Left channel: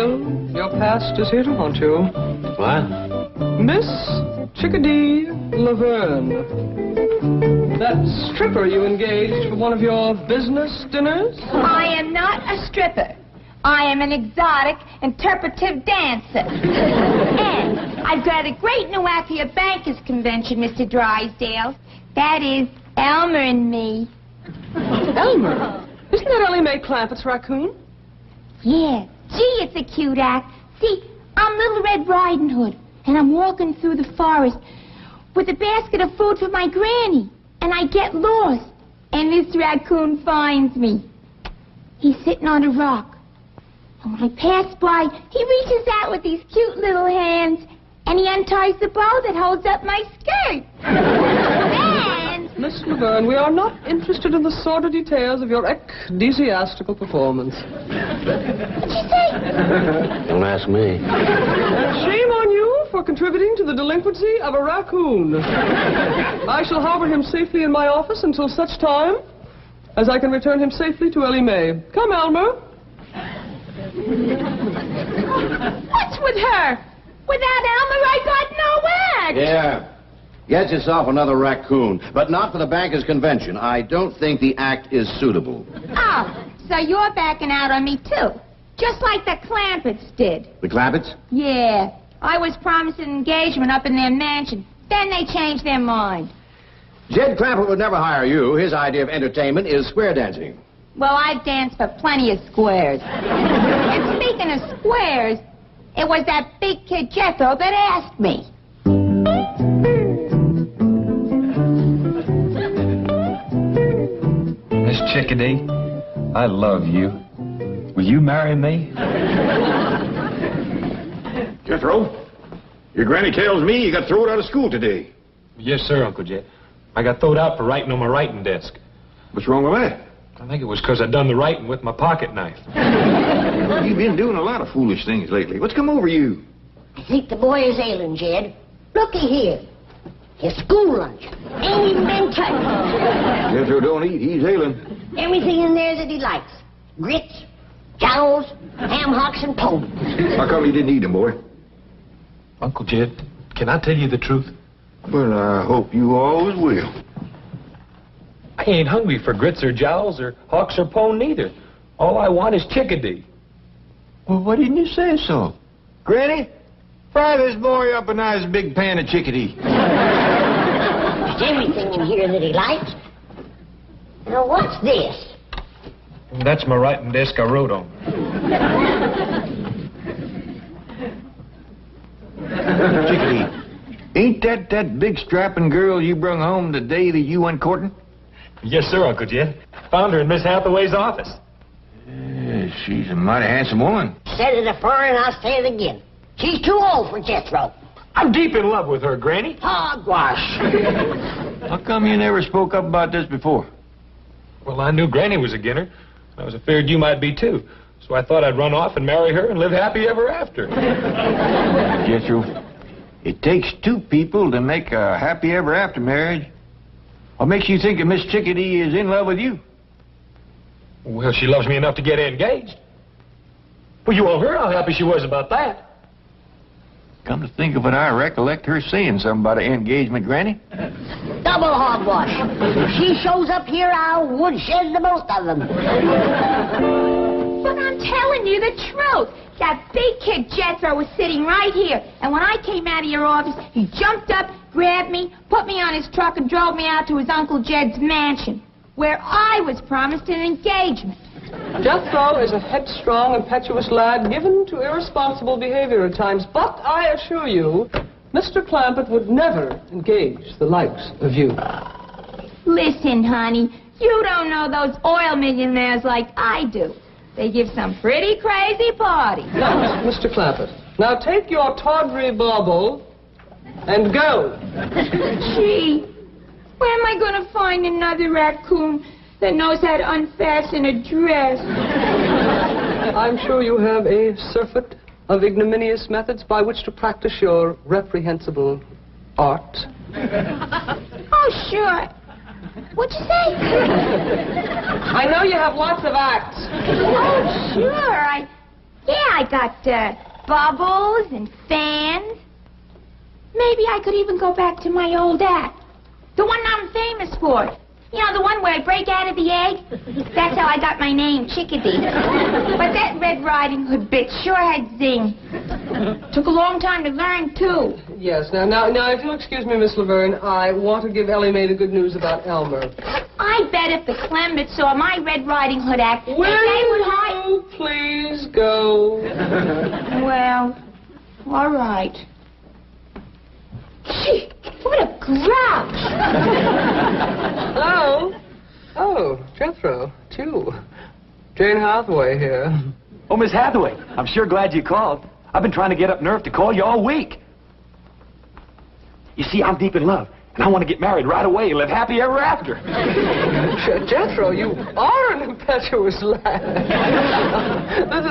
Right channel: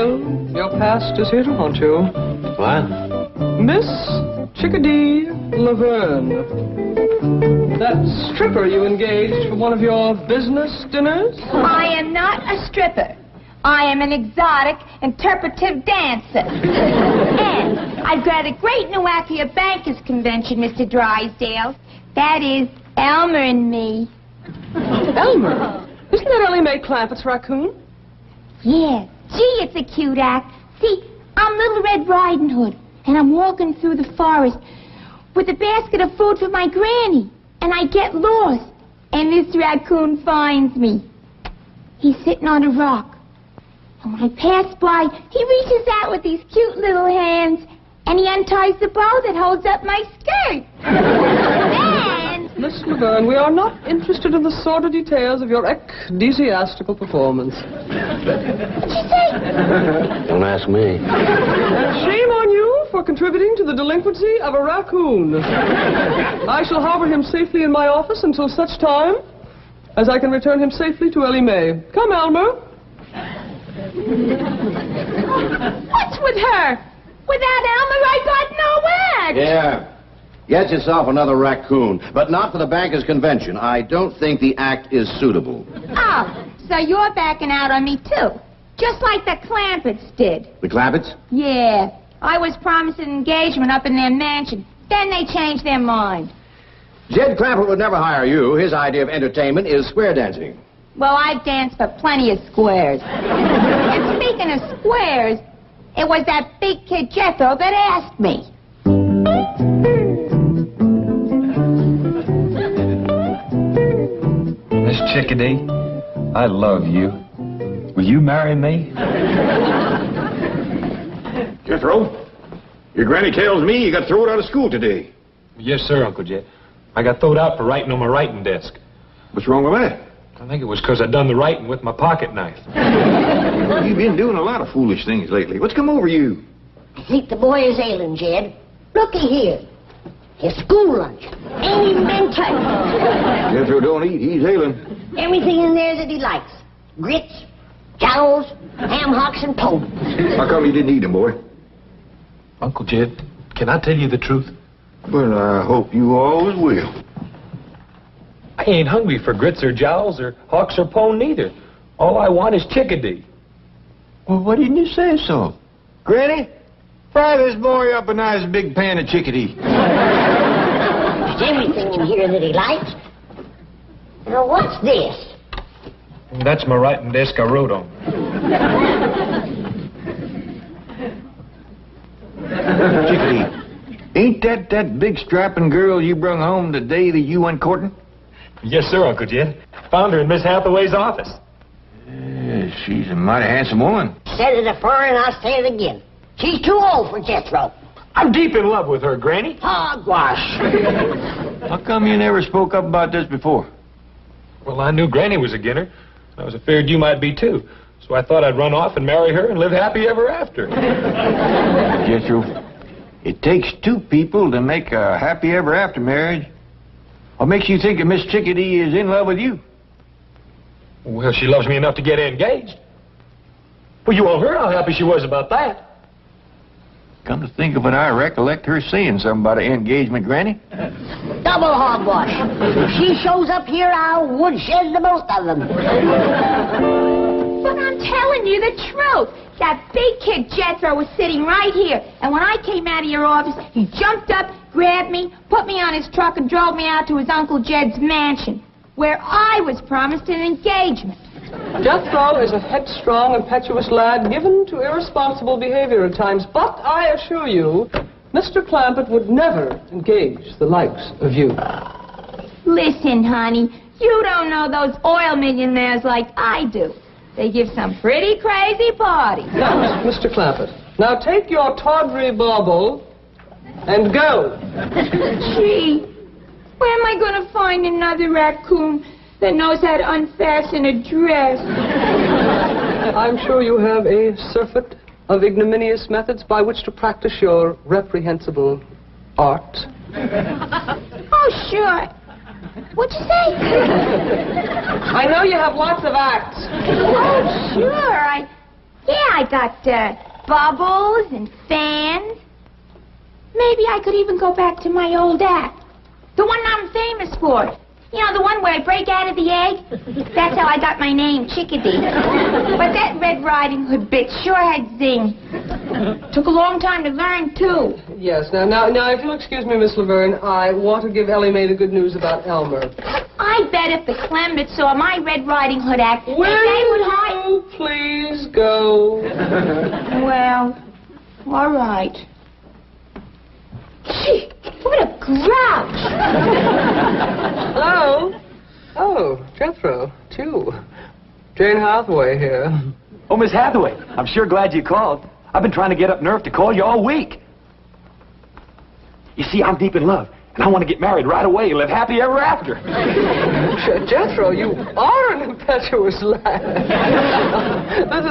Will, your past is here to haunt you. What? Miss Chickadee Laverne. That stripper you engaged for one of your business dinners? I am not a stripper. I am an exotic, interpretive dancer. And I've got a great new act for your bankers' convention, Mr. Drysdale. That is Elmer and me. Elmer? Isn't that Ellie Mae Clampett's raccoon? Yeah. Gee, it's a cute act. See, I'm Little Red Riding Hood, and I'm walking through the forest with a basket of fruit for my granny, and I get lost, and this raccoon finds me. He's sitting on a rock, and when I pass by, he reaches out with these cute little hands, and he unties the bow that holds up my skirt. And... Miss Laverne, we are not interested in the sordid details of your ecclesiastical performance. What'd you say? Don't ask me. Shame on you for contributing to the delinquency of a raccoon. I shall harbor him safely in my office until such time as I can return him safely to Ellie Mae. Come, Elmer. What's with her? Without Elmer, I got no act. Yeah. Get yourself another raccoon, but not for the bankers' convention. I don't think the act is suitable. Oh, so you're backing out on me, too. Just like the Clampetts did. The Clampetts? Yeah. I was promised an engagement up in their mansion. Then they changed their mind. Jed Clampett would never hire you. His idea of entertainment is square dancing. Well, I've danced for plenty of squares. And speaking of squares, it was that big kid Jethro that asked me. Miss Chickadee, I love you. Will you marry me? Jethro, your granny tells me you got thrown out of school today. Yes, sir, Uncle Jed. I got thrown out for writing on my writing desk. What's wrong with that? I think it was because I done the writing with my pocket knife. Well, you've been doing a lot of foolish things lately. What's come over you? I think the boy is ailing, Jed. Looky here. His school lunch ain't even been touched. Jethro don't eat. He's ailing. Everything in there that he likes. Grits, jowls, ham hocks, and toast. How come you didn't eat them, boy? Uncle Jed, can I tell you the truth? Well, I hope you always will. I ain't hungry for grits or jowls or hawks or pone neither. All I want is Chickadee. Well, why didn't you say so? Granny, fry this boy up a nice big pan of chickadee. There's everything in here that he likes. Now, what's this? That's my writing desk I wrote on. Chickadee, ain't that big strapping girl you brung home the day that you went courting? Yes, sir, Uncle Jed. Found her in Miss Hathaway's office. Yeah, she's a mighty handsome woman. Said it afore and I'll say it again. She's too old for Jethro. I'm deep in love with her, Granny. Hogwash. How come you never spoke up about this before? Well, I knew Granny was again her. I was afraid you might be, too. So I thought I'd run off and marry her and live happy ever after. Jethro, it takes two people to make a happy ever after marriage. What makes you think that Miss Chickadee is in love with you? Well, she loves me enough to get engaged. Well, you all heard how happy she was about that. Come to think of it, I recollect her saying something about an engagement, Granny. Double hogwash. If she shows up here, I'll woodshed the both of them. But I'm telling you the truth. That big kid Jethro was sitting right here. And when I came out of your office, he jumped up, grabbed me, put me on his truck, and drove me out to his Uncle Jed's mansion, where I was promised an engagement. Jethro is a headstrong, impetuous lad given to irresponsible behavior at times, but I assure you, Mr. Clampett would never engage the likes of you. Listen, honey, you don't know those oil millionaires like I do. They give some pretty crazy parties. Now, Mr. Clampett, now take your tawdry bauble and go. Gee, where am I going to find another raccoon that knows how to unfasten a dress? I'm sure you have a surfeit of ignominious methods by which to practice your reprehensible art. Oh, sure. What'd you say? I know you have lots of acts. Oh, sure. Yeah, I got bubbles and fans. Maybe I could even go back to my old act. The one I'm famous for. You know, the one where I break out of the egg? That's how I got my name, Chickadee. But that Red Riding Hood bit sure had zing. Took a long time to learn, too. Yes, now, if you'll excuse me, Miss Laverne, I want to give Ellie Mae the good news about Elmer. I bet if the Clements saw my Red Riding Hood act, Will they would hide... you please go? Well, all right. Gee, what a grouch! Oh, Jethro, it's you. Jane Hathaway here. Oh, Miss Hathaway, I'm sure glad you called. I've been trying to get up nerve to call you all week. You see, I'm deep in love, and I want to get married right away and live happy ever after. Jethro, you are an impetuous lad.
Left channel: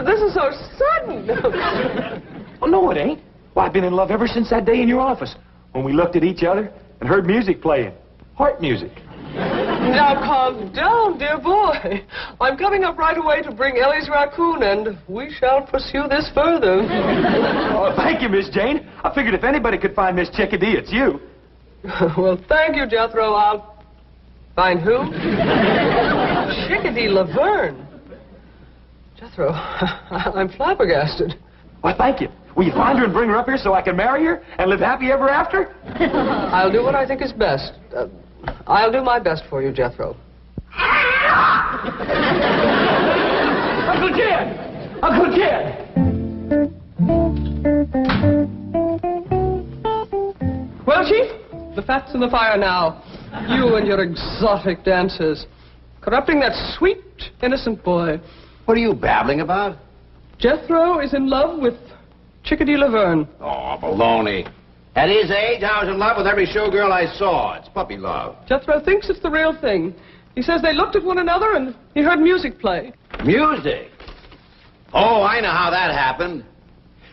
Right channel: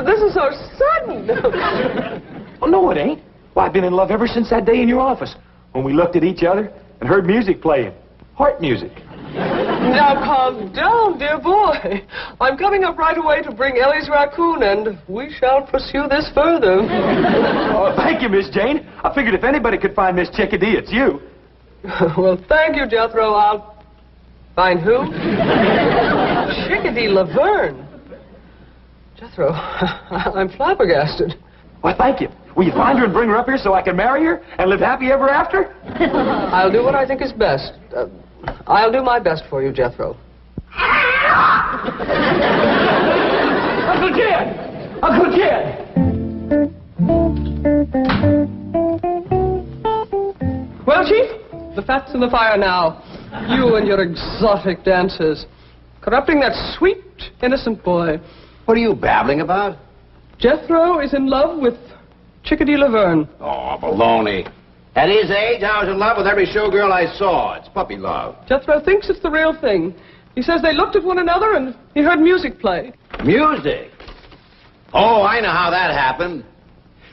This is so sudden. Oh, no, it ain't. Well, I've been in love ever since that day in your office, when we looked at each other and heard music playing. Heart music. Now, calm down, dear boy. I'm coming up right away to bring Ellie's raccoon, and we shall pursue this further. Oh, thank you, Miss Jane. I figured if anybody could find Miss Chickadee, it's you. Well, thank you, Jethro. I'll... Find who? Chickadee Laverne. Jethro, I'm flabbergasted. Well, thank you. Will you find her and bring her up here so I can marry her and live happy ever after? I'll do what I think is best. I'll do my best for you, Jethro. Uncle Jed! Uncle Jed! Well, Chief, the fat's in the fire now. You and your exotic dances. Corrupting that sweet, innocent boy. What are you babbling about? Jethro is in love with Chickadee Laverne. Oh, baloney. At his age, I was in love with every showgirl I saw. It's puppy love. Jethro thinks it's the real thing. He says they looked at one another and he heard music play. Music? Oh, I know how that happened.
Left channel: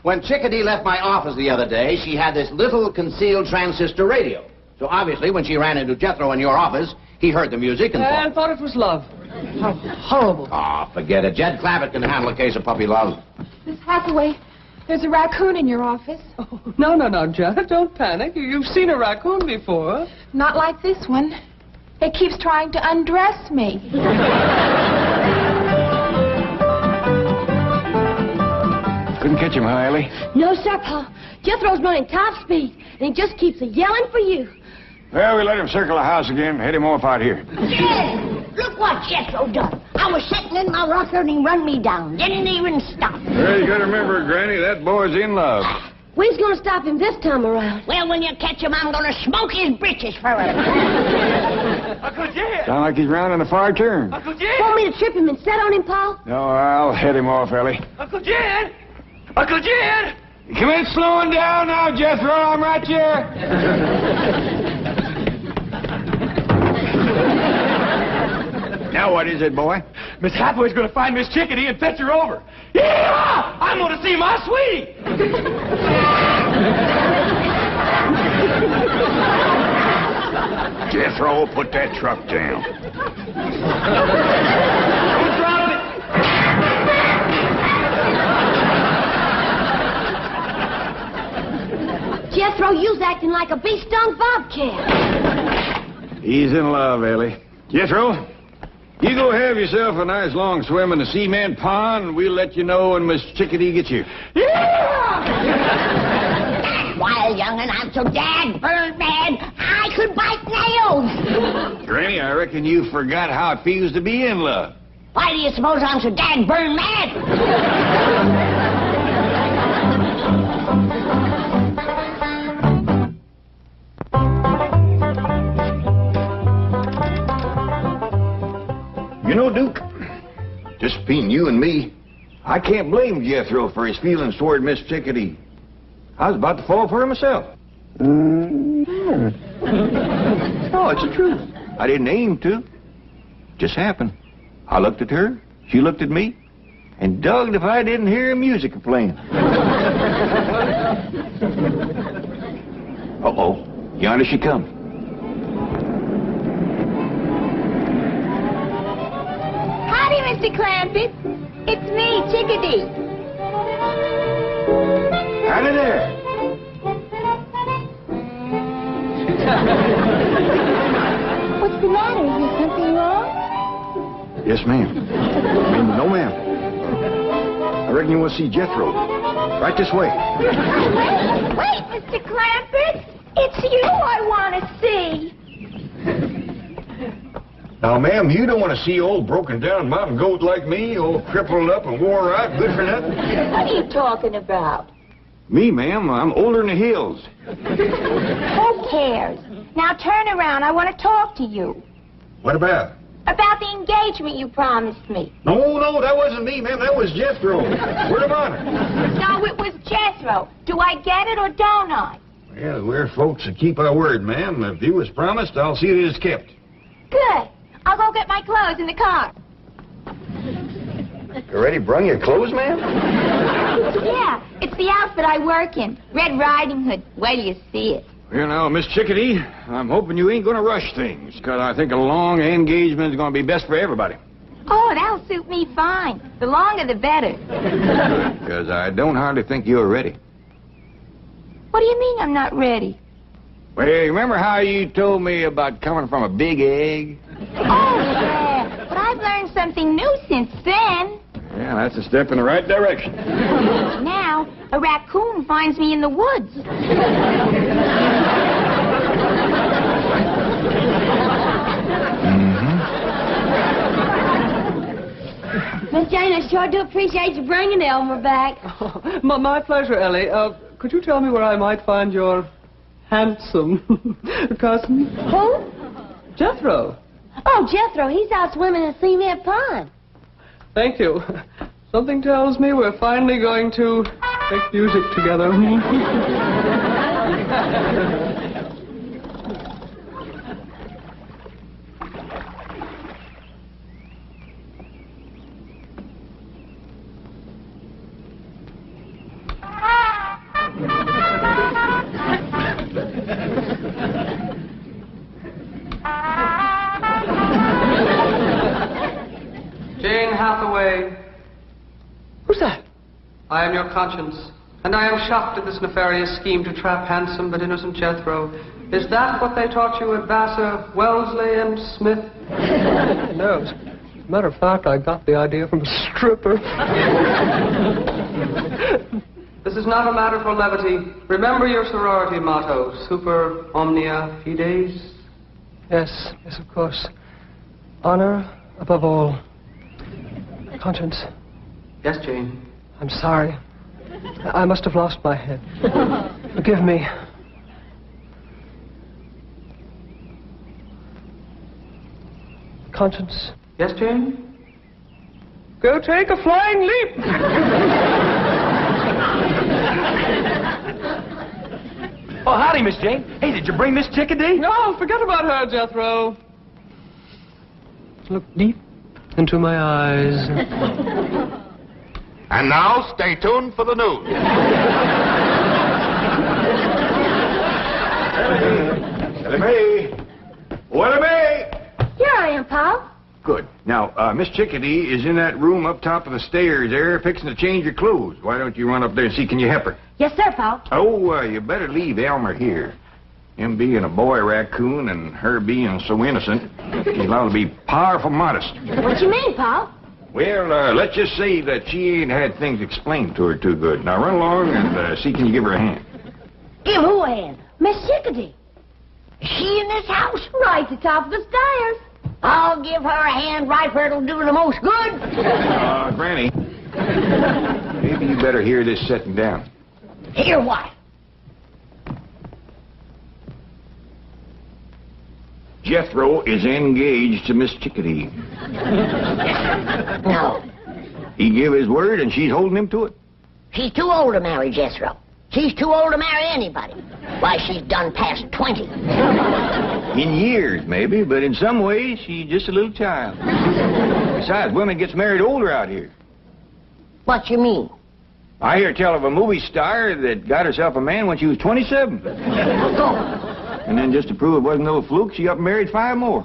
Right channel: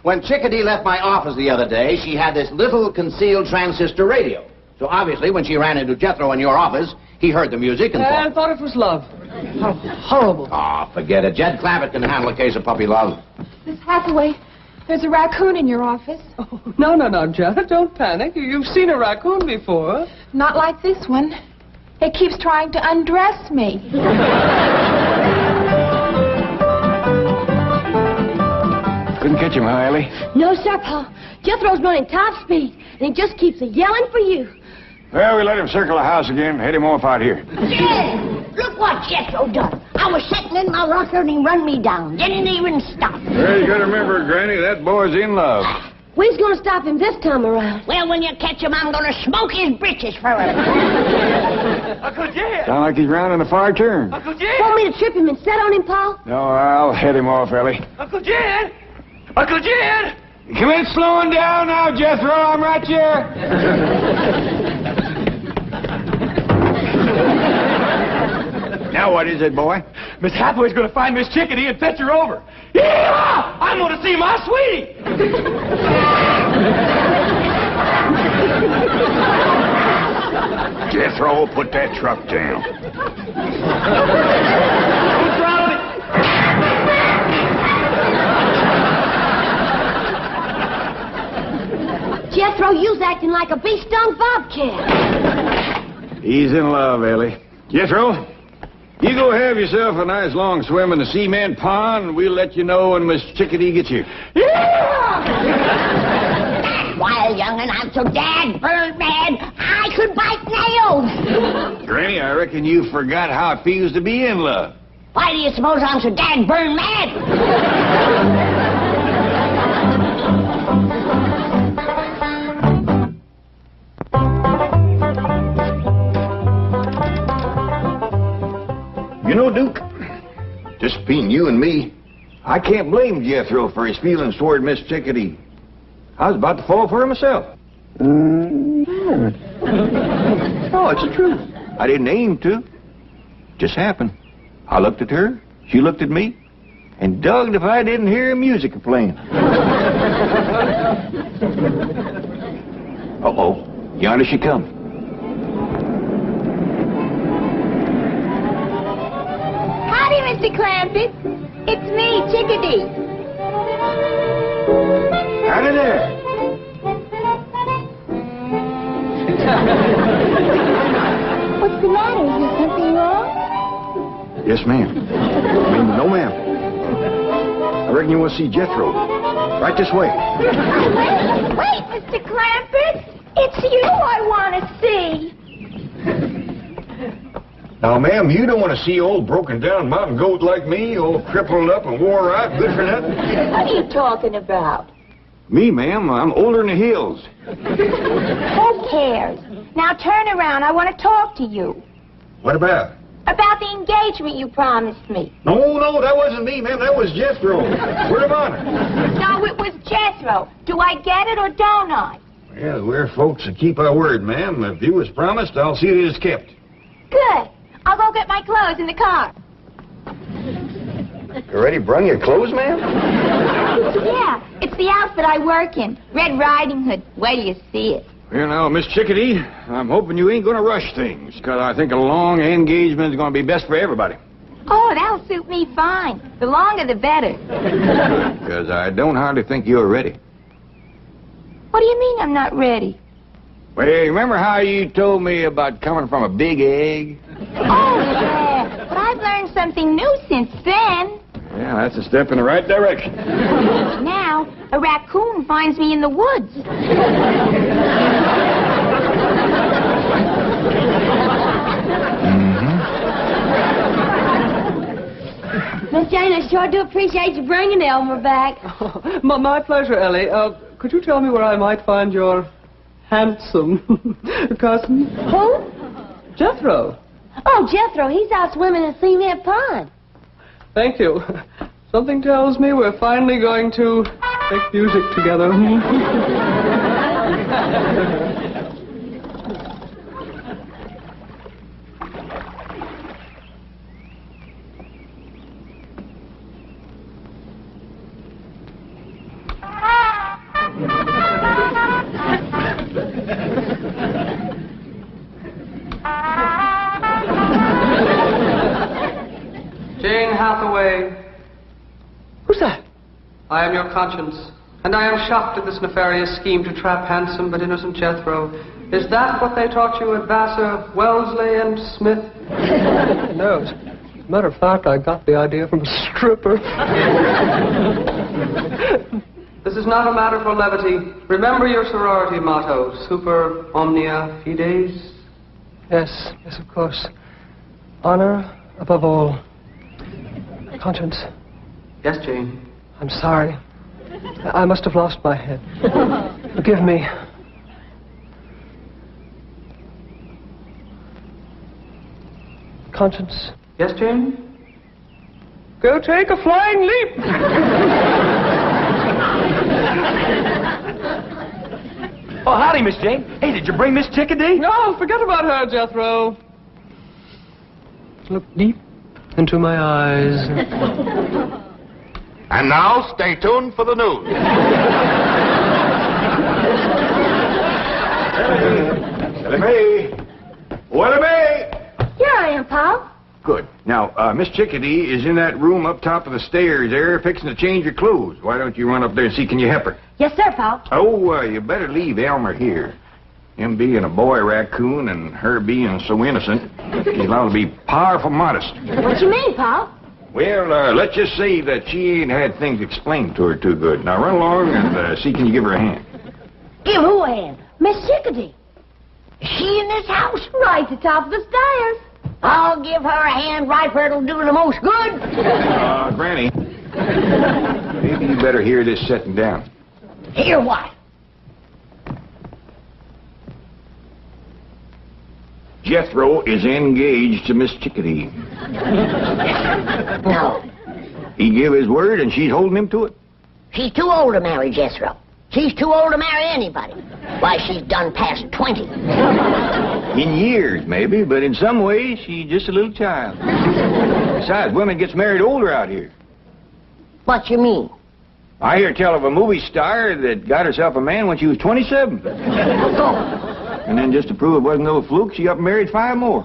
When Chickadee left my office the other day, she had this little concealed transistor radio. So obviously, when she ran into Jethro in your office, he heard the music and thought it was love. How horrible. Oh, forget it. Jed Clampett can handle a case of puppy love. Miss Hathaway, there's a raccoon in your office. Oh, no, Jed, don't panic. You've seen a raccoon before. Not like this one. It keeps trying to undress me. Couldn't catch him, huh, Ellie? No, sir, Pa. Jethro's running top speed, and he just keeps yelling for you. Well, we let him circle the house again. Head him off out here. Yeah, look what Jethro done. I was sitting in my rocker and he run me down. Didn't even stop. Well, you gotta remember, Granny, that boy's in love. We's gonna stop him this time around. Well, when you catch him, I'm gonna smoke his britches for him. Uncle Jed! Sound like he's rounding a far turn. Uncle Jed! Want me to trip him and set on him, Pa? No, I'll head him off, Ellie. Uncle Jed! Uncle Jed! Commence slowing down now, Jethro. I'm right here. Now what is it, boy? Miss Hathaway's going to find Miss Chickadee and fetch her over. Yeah! I'm going to see my sweetie! Jethro, put that truck down. What's wrong with it? Jethro, you's acting like a bee-stung bobcat. He's in love, Ellie. Jethro, you go have yourself a nice long swim in the cement pond, and we'll let you know when Miss Chickadee gets here. Yeah! Well, young'un, I'm so dad-burned mad, I could bite nails. Granny, I reckon you forgot how it feels to be in love. Why do you suppose I'm so dad-burned mad? You know, Duke, just between you and me, I can't blame Jethro for his feelings toward Miss Chickadee. I was about to fall for her myself. No, it's the truth. I didn't aim to. Just happened. I looked at her, she looked at me, and dogged if I didn't hear music playing. Uh-oh, yonder she comes. Howdy, Mr. Clampett. It's me, Chickadee. Yes, ma'am. No, ma'am. I reckon you want to see Jethro. Right this way. Wait, Mr. Clampett. It's you I want to see. Now, ma'am, you don't want to see old broken down mountain goat like me, all crippled up and wore out, good for nothing? What are you talking about? Me, ma'am, I'm older than the hills. Who cares? Now turn around. I want to talk to you. What about? About the engagement you promised me. No, that wasn't me, ma'am. That was Jethro. Word of honor. No, it was Jethro. Do I get it or don't I? Well, we're folks that keep our word, ma'am. If you was promised, I'll see that it's kept. Good. I'll go get my clothes in the car. You already brung your clothes, ma'am? Yeah, it's the outfit I work in. Red Riding Hood. Wait till you see it. Well, now, Miss Chickadee, I'm hoping you ain't going to rush things, because I think a long engagement is going to be best for everybody. Oh, that'll suit me fine. The longer, the better. Because I don't hardly think you're ready. What do you mean I'm not ready? Well, you remember how you told me about coming from a big egg? Oh, yeah. But I've learned something new since then. Yeah, that's a step in the right direction. Now, a raccoon finds me in the woods. Miss Jane, I sure do appreciate you bringing Elmer back. Oh, my pleasure, Ellie. Could you tell me where I might find your handsome cousin? Who? Jethro. Oh, Jethro, he's out swimming in Cement Pond. Thank you. Something tells me we're finally going to make music together. Jane Hathaway. Who's that? I am your conscience, and I am shocked at this nefarious scheme to trap handsome but innocent Jethro. Is that what they taught you at Vassar, Wellesley, and Smith? No. As a matter of fact, I got the idea from a stripper. This is not a matter for levity. Remember your sorority motto, super omnia fides. Yes, of course. Honor above all. Conscience. Yes, Jane. I'm sorry. I must have lost my head. Forgive me. Conscience. Yes, Jane? Go take a flying leap! Oh, howdy, Miss Jane. Hey, did you bring Miss Chickadee? No, forget about her, Jethro. Look deep into my eyes. And now, stay tuned for the news. What a bay! Here I am, Pop. Good. Now, Miss Chickadee is in that room up top of the stairs there, fixing to change her clothes. Why don't you run up there and see, can you help her? Yes, sir, Pop. Oh, you better leave Elmer here. Him being a boy raccoon and her being so innocent, he's allowed to be powerful modest. What you mean, Pop? Well, let's just say that she ain't had things explained to her too good. Now, run along and see, can you give her a hand? Give who a hand? Miss Chickadee. Is she in this house? Right at the top of the stairs. I'll give her a hand right where it'll do the most good. Granny, maybe you better hear this setting down. Hear what? Jethro is engaged to Miss Chickadee. No. He gave his word, and she's holding him to it. She's too old to marry Jethro. She's too old to marry anybody. Why, she's done past 20. In years, maybe, but in some ways, she's just a little child. Besides, women gets married older out here. What you mean? I hear tell of a movie star that got herself a man when she was 27. And then just to prove it wasn't no fluke, she up and married 5 more.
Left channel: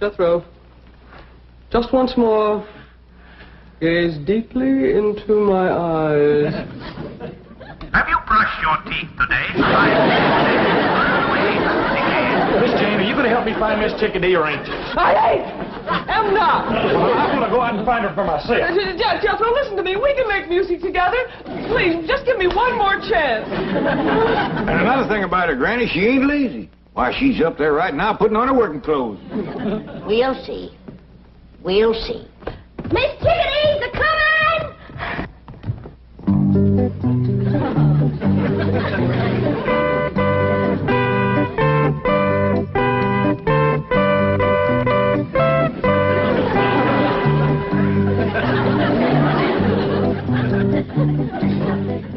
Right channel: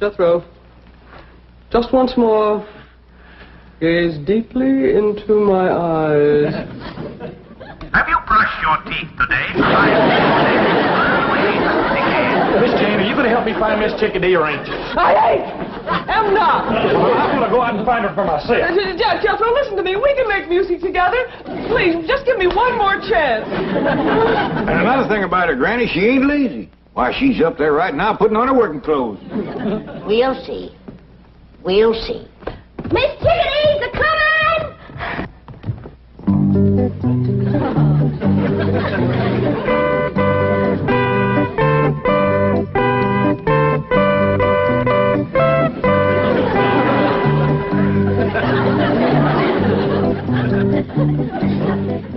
Jethro, just once more, Gaze deeply into my eyes. Have you brushed your teeth today? Miss Jane, are you going to help me find Miss Chickadee or ain't you? am not. Well, I'm going to go out and find her for myself. Jethro, listen to me. We can make music together. Please, just give me one more chance. And another thing about her, Granny, she ain't lazy. Why, she's up there right now putting on her working clothes. We'll see. We'll see. Miss Chickadee's a-coming!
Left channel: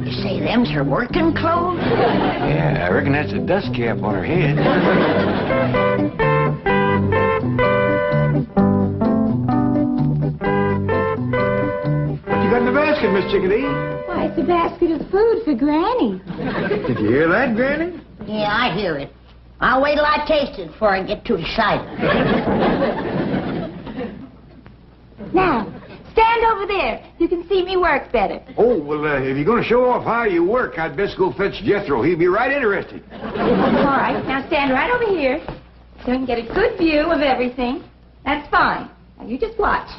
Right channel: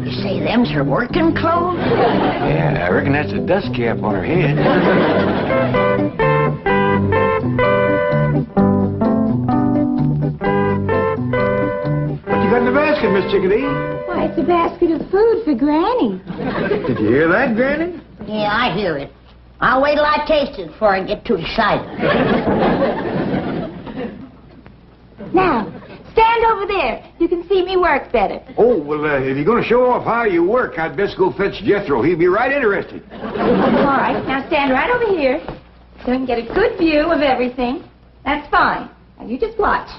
You say them's her working clothes? Yeah, I reckon that's a dust cap on her head. What you got in the basket, Miss Chickadee? Why, it's a basket of food for Granny. Did you hear that, Granny? Yeah, I hear it. I'll wait till I taste it before I get too excited. Now, stand over there. You can see me work better. Oh, well, if you're going to show off how you work, I'd best go fetch Jethro. He'd be right interested. All right, now stand right over here so I can get a good view of everything. That's fine. Now, you just watch.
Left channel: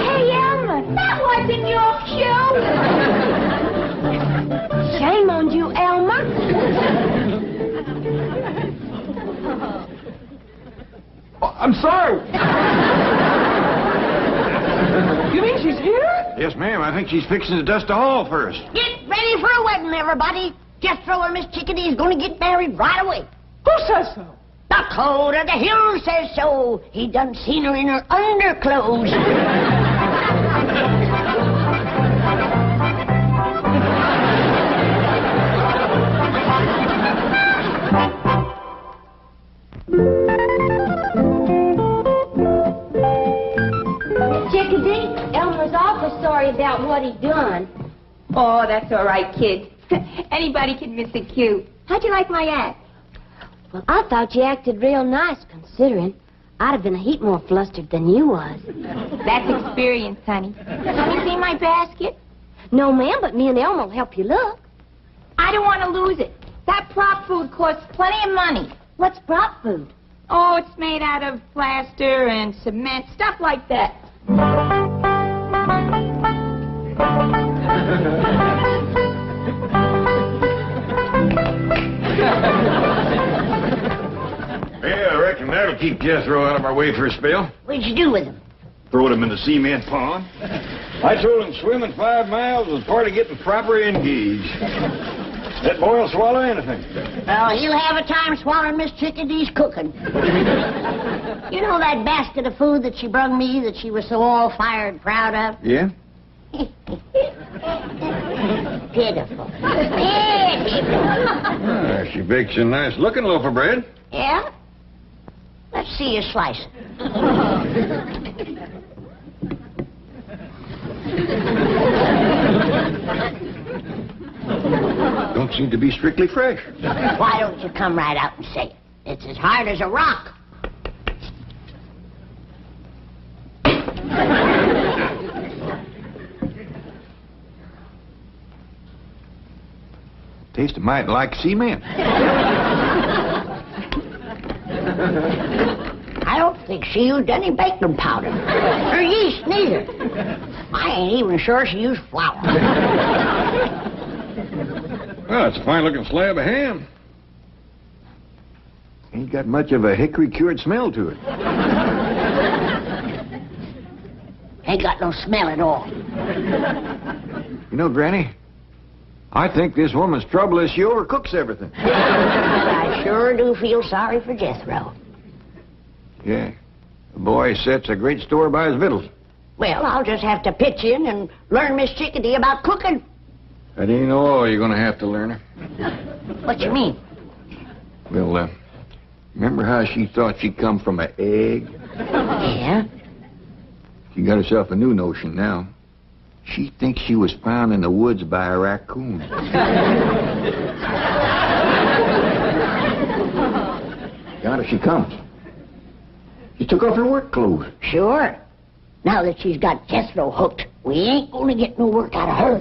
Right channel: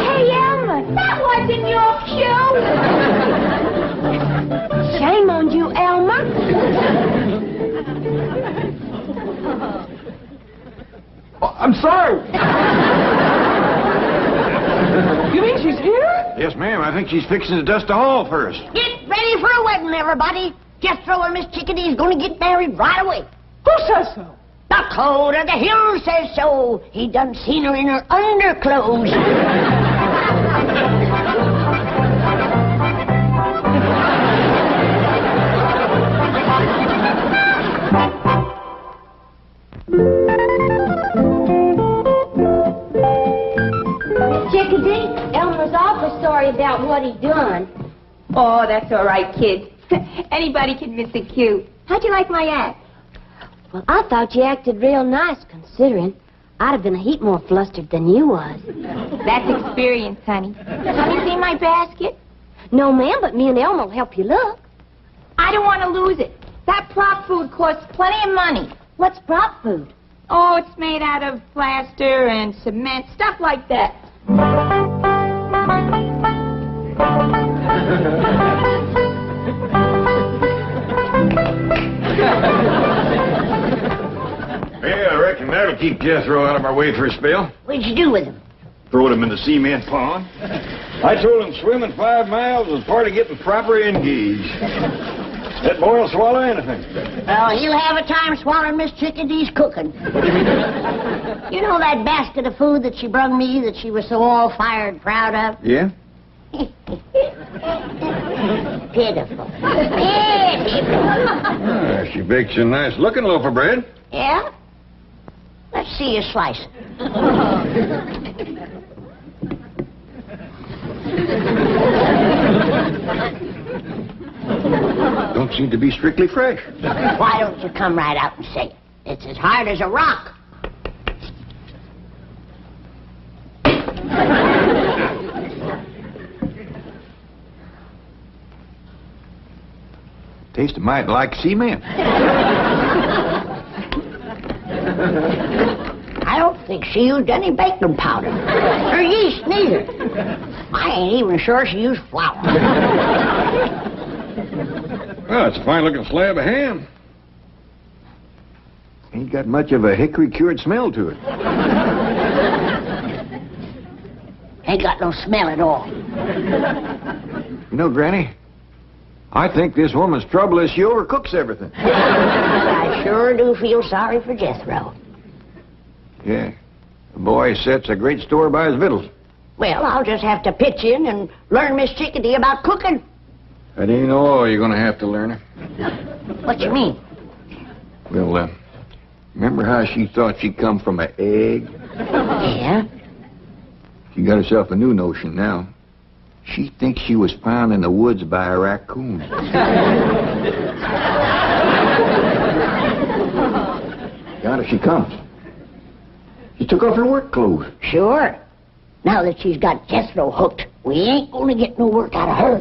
Hey, Elmer, that wasn't your cue. Shame on you, Elmer. Oh, I'm sorry. You mean she's here? Yes, ma'am. I think she's fixing to dust the hall first. Get ready for a wedding, everybody. Jethro and Miss Chickadee's going to get married right away. Who says so? The code of the hill says so. He done seen her in her underclothes. Chickadee, Elmer's awful sorry about what he done. Oh, that's all right, kid. Anybody can miss a cue. How'd you like my act? Well, I thought you acted real nice, considering I'd have been a heap more flustered than you was. That's experience, honey. Have you seen my basket? No, ma'am, but me and Elmer will help you look. I don't want to lose it. That prop food costs plenty of money. What's prop food? Oh, it's made out of plaster and cement, stuff like that. Yeah, I reckon that'll keep Jethro out of our way for a spell. What'd you do with him? Throwed him in the cement pond. I told him swimming 5 miles was part of getting proper engaged. That boy will swallow anything. Well, he'll have a time swallowing Miss Chickadee's cooking. What do you mean? You know that basket of food that she brung me that she was so all-fired proud of? Yeah? Pitiful. Pitiful. She bakes a nice looking loaf of bread. Yeah? Let's see you slice it. Don't seem to be strictly fresh. Why don't you come right out and say it? It's as hard as a rock. Tastes a mite like cement. I don't think she used any baking powder. Or yeast, neither. I ain't even sure she used flour. Well, it's a fine-looking slab of ham. Ain't got much of a hickory-cured smell to it. Ain't got no smell at all. You know, Granny, I think this woman's trouble is she overcooks everything. I sure do feel sorry for Jethro. Yeah. The boy sets a great store by his victuals. Well, I'll just have to pitch in and learn Miss Chickadee about cooking. That ain't all you're going to have to learn her. What you mean? Well, remember how she thought she'd come from an egg? Yeah? She got herself a new notion now. She thinks she was found in the woods by a raccoon. Yonder she comes. She took off her work clothes. Sure. Now that she's got Jethro hooked, we ain't gonna get no work out of her.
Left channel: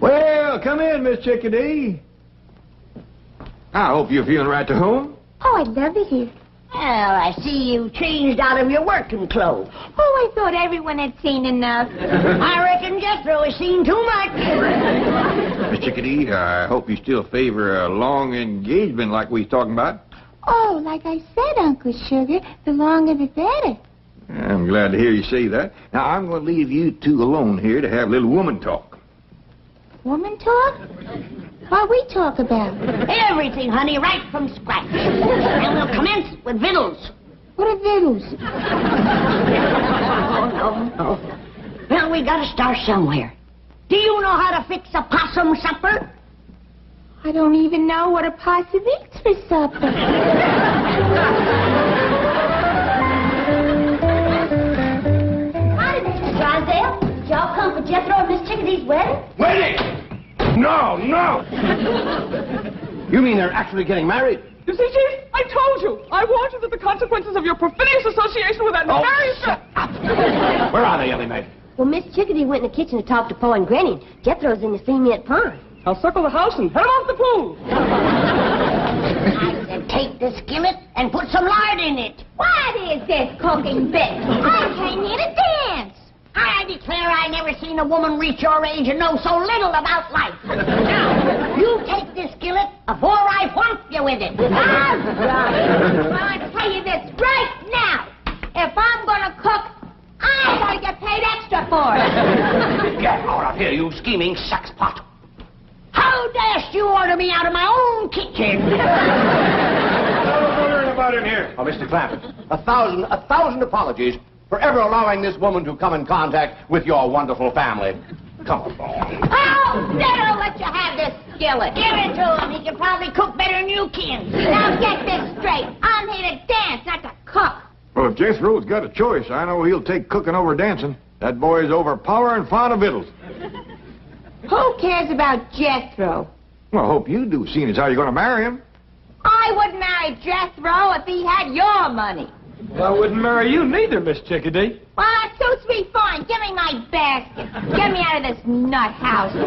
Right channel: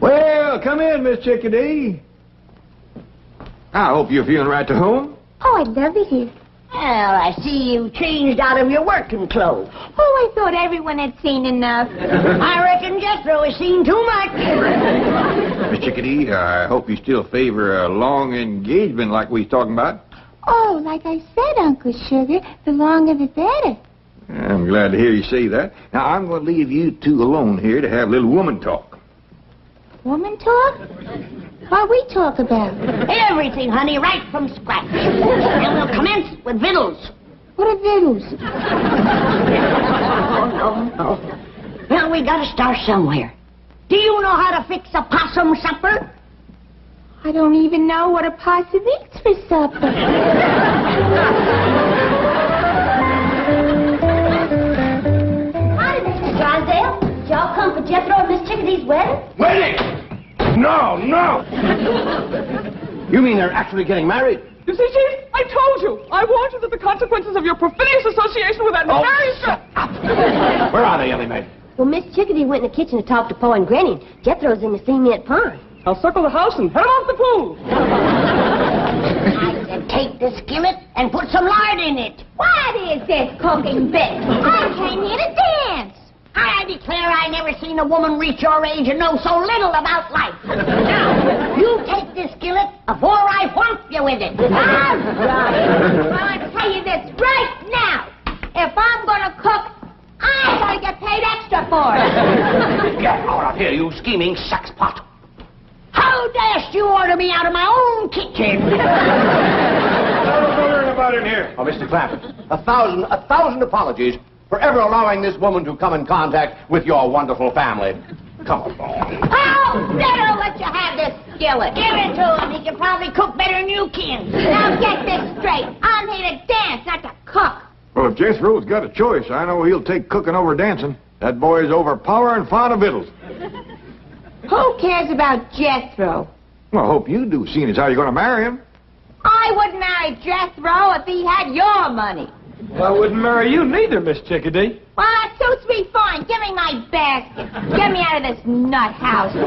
Well, come in, Miss Chickadee. I hope you're feeling right to home. Oh, I love it here. Well, I see you changed out of your working clothes. Oh, I thought everyone had seen enough. I reckon Jethro has seen too much. Miss Chickadee, I hope you still favor a long engagement like we was talking about. Oh, like I said, Uncle Sugar, the longer the better. I'm glad to hear you say that. Now, I'm going to leave you two alone here to have a little woman talk. Woman talk? What we talk about? Everything, honey, right from scratch. And we'll commence with victuals. What are victuals? No. Well, we gotta start somewhere. Do you know how to fix a possum supper? I don't even know what a possum eats for supper. Howdy, Mr. Drysdale. Did y'all come for Jethro and Miss Chickadee's wedding? Wedding? No. You mean they're actually getting married? You see, Chief, I told you. I warned you that the consequences of your perfidious association with that nefarious... Shut up. Where are they, Ellie Mae? Well, Miss Chickadee went in the kitchen to talk to Pa and Granny, and Jethro's in the cement pond. I'll circle the house and head 'em off the pool. I said take the skillet and put some lard in it. What is this cooking bit? I came here to dance. I declare I never seen a woman reach your age and know so little about life. Now, you take this skillet before I whomp you with it. All right. Well, I tell you this right now. If I'm going to cook, I'm going to get paid extra for it. Get out of here, you scheming saxpot. How dashed you order me out of my own kitchen? What about in here? Oh, Mr. Clampett, a thousand apologies for ever allowing this woman to come in contact with your wonderful family. Come on. Oh, better let you have this skillet. Give it to him. He can probably cook better than you can. Now get this straight. I'm here to dance, not to cook. Well, if Jethro's got a choice, I know he'll take cooking over dancing. That boy's overpowering fond of victuals. Who cares about Jethro? Well, I hope you do, seeing as how you're going to marry him. I wouldn't marry Jethro if he had your money. Well, I wouldn't marry you neither, Miss Chickadee. Well, that suits me fine. Give me my basket. Get me out of this nut house. Boy,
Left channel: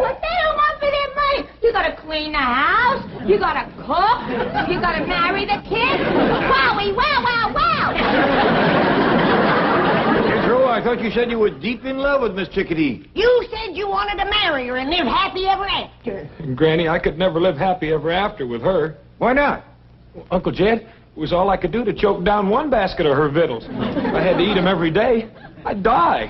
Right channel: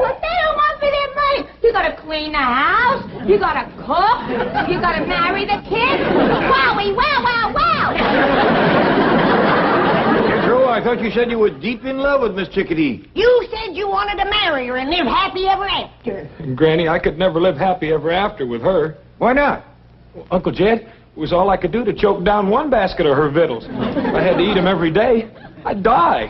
what they don't want for their money. You gotta clean the house. You gotta cook. You gotta marry the kids. Wowie, wow. Jethro, I thought you said you were deep in love with Miss Chickadee. You said you wanted to marry her and live happy ever after. And Granny, I could never live happy ever after with her. Why not? Well, Uncle Jed, it was all I could do to choke down one basket of her victuals. If I had to eat them every day, I'd die.